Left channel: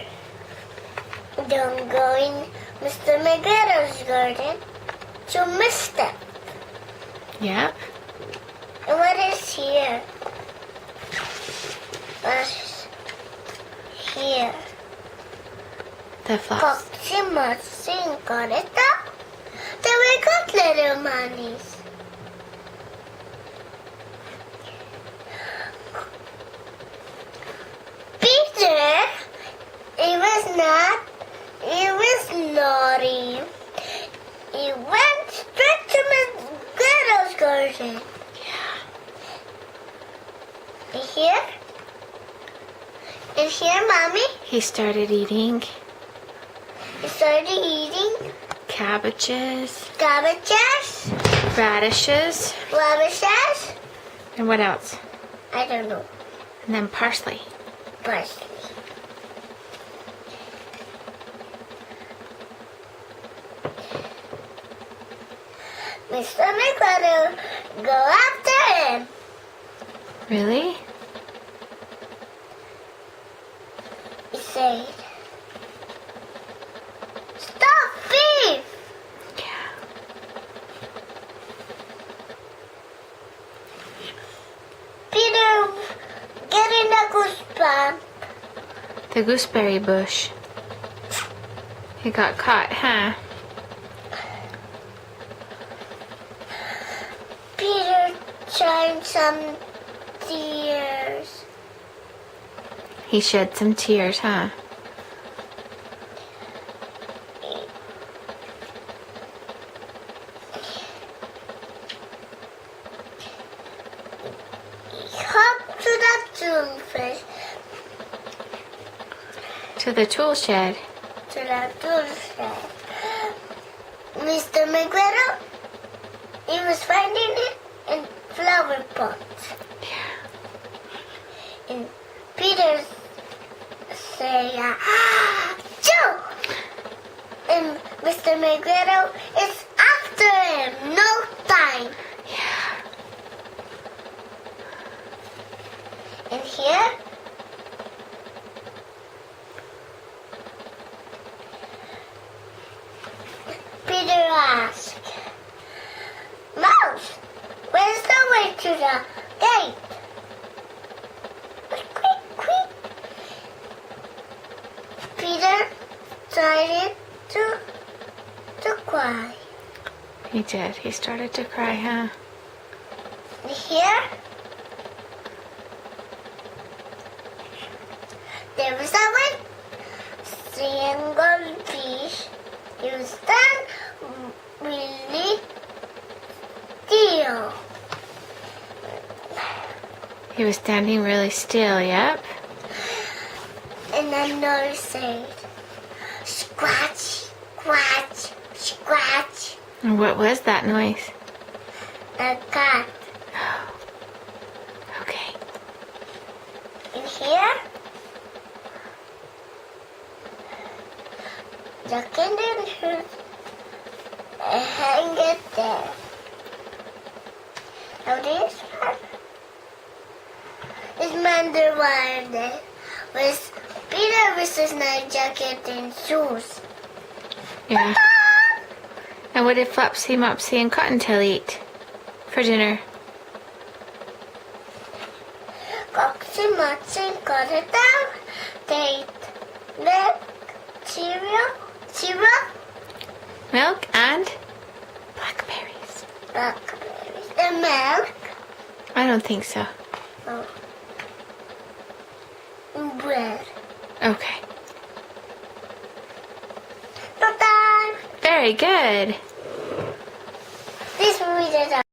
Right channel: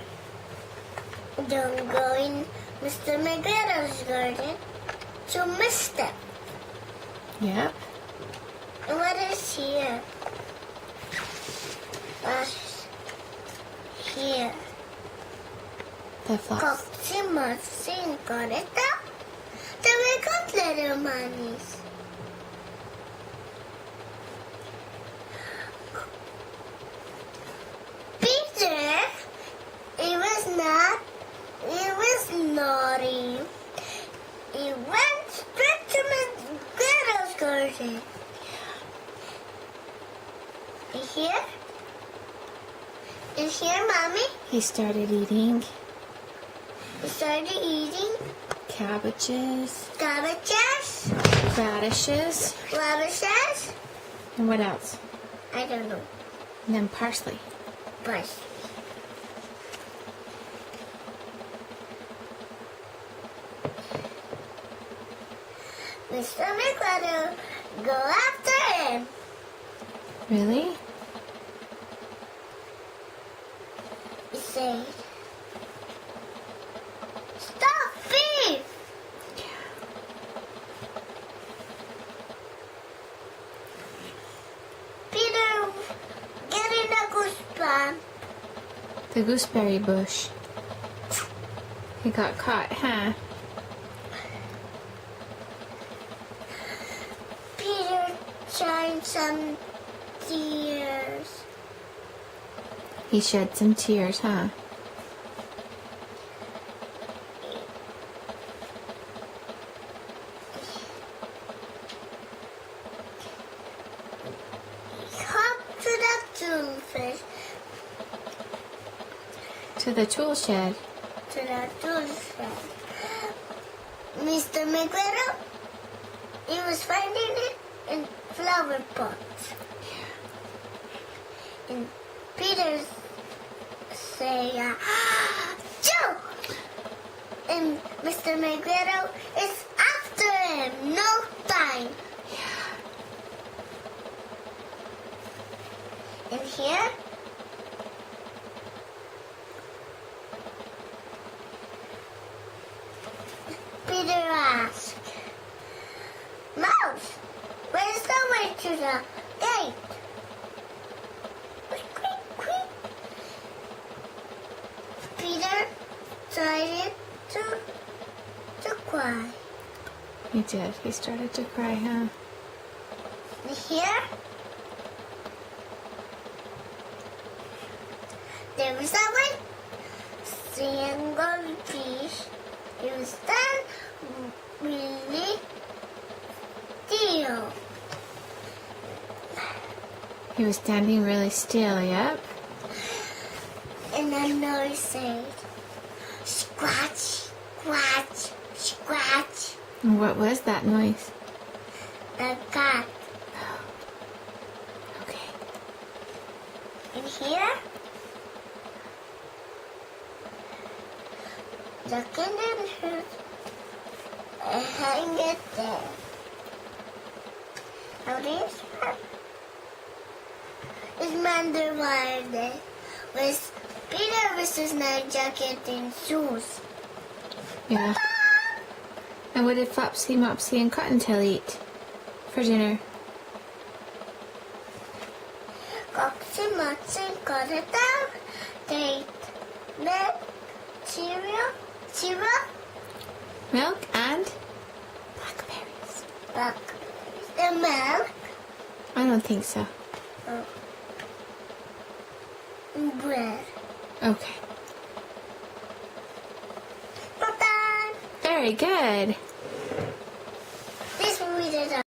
Peter, don't go in Mr. McGrath's garden. You missed it. Yep. And what is here? What's here? The fox. Coxima Sincoretta. Then we got little monies. Peter, he was naughty. He went straight to Miss Gretel's garden. Yeah. In here, Mommy, He started eating he started eating cabbages, cabbages, radishes, radishes, and what else? I don't know, And then parsley. parsley. Mr. McGrattle, go after him. Really? He said, "Stop, thief!" Yeah. Peter, get in the goosebump. The gooseberry bush. He got caught, huh? Peter shed some tears. He shed some tears, huh? He hopped to the toolfish, To the tool shed. to the toolfish. Mr. McGrattle, he was finding it in flower pots. Yeah. And Peter say, Joe! And Mr. McGrattle is after him. No time. Yeah. And here, Peter asked, Mouse, where's the way to the gate? Quick, quick, quick. Peter started to cry. He did. He started to cry, huh? And here, there was a white single fish. He was done really still. He was standing really still, yep. And another said, scratch, scratch, scratch. And what was that noise? A cat. Okay. In here, the kitten should hang it there. Now this one is Manderwire with Peter with his night jacket and shoes. Yeah. And what did Flopsy, Mopsy, and Cottontail eat for dinner? Coxy Mutton got it down. They ate milk, cereal, Milk and blackberries. blackberries, and milk, I don't think so. and bread. Okay. Bye-bye. Very good. This we did